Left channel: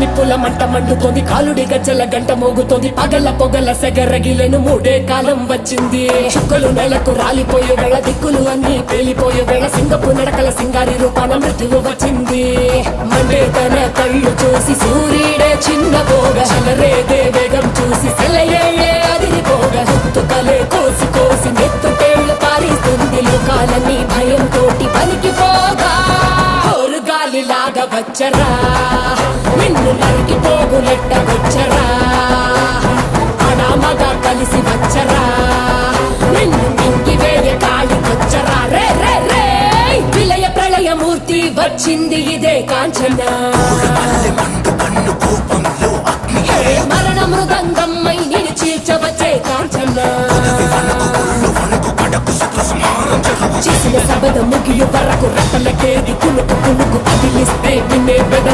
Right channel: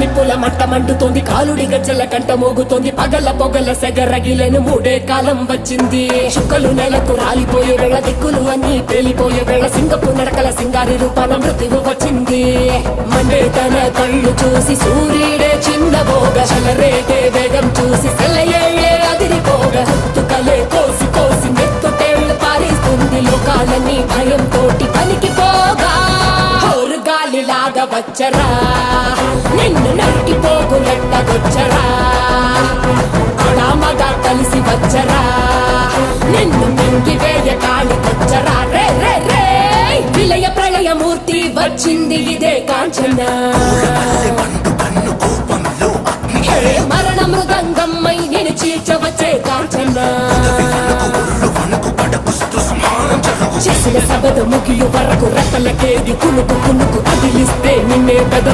నిప్పుల మంట మండుతోంది, కాలుడి గజ్జల గంట మోగుతోంది, పగల పొగల సెగరగిలను మూడే కాలం వచ్చింది. చుక్కలు నెలకు రాలిపోయే వేళ, దిక్కులు అన్ని పేలిపోయే వేళ, సింగపు నడకల సింగారి రూపాన మృత్యువు వచ్చింది. మండే తన కళ్ళు చూసి సూర్యుడే చిన్నబోగ, చలరేగే వేగం చూసి సెలయే అదిరిపోగ, గుర్తుకలే కోసి కోసి నెత్తుటేళ్లు పారిస్తుంది, లోకాలన్నీ భయం తోటి పనికిపోగా. గాలిలాగా వచ్చరా, నిన్ను నరికి పోగులెట్టగొచ్చరా, అడామగా కలిసి వచ్చరా, నిన్ను మింగి వేయ కాలికొచ్చరా. రే రే రే విలయ ప్రళయమూర్తి వచ్చింది ఇదే కాంచన, మరణ మృదంగమ్మై నేను చీల్చవచ్చే కాంచన. చేసిన సబద ముగియు వరకు రెప్పలకేది కునుకు కునుకు కదిలిస్తే నిన్నే బెదరు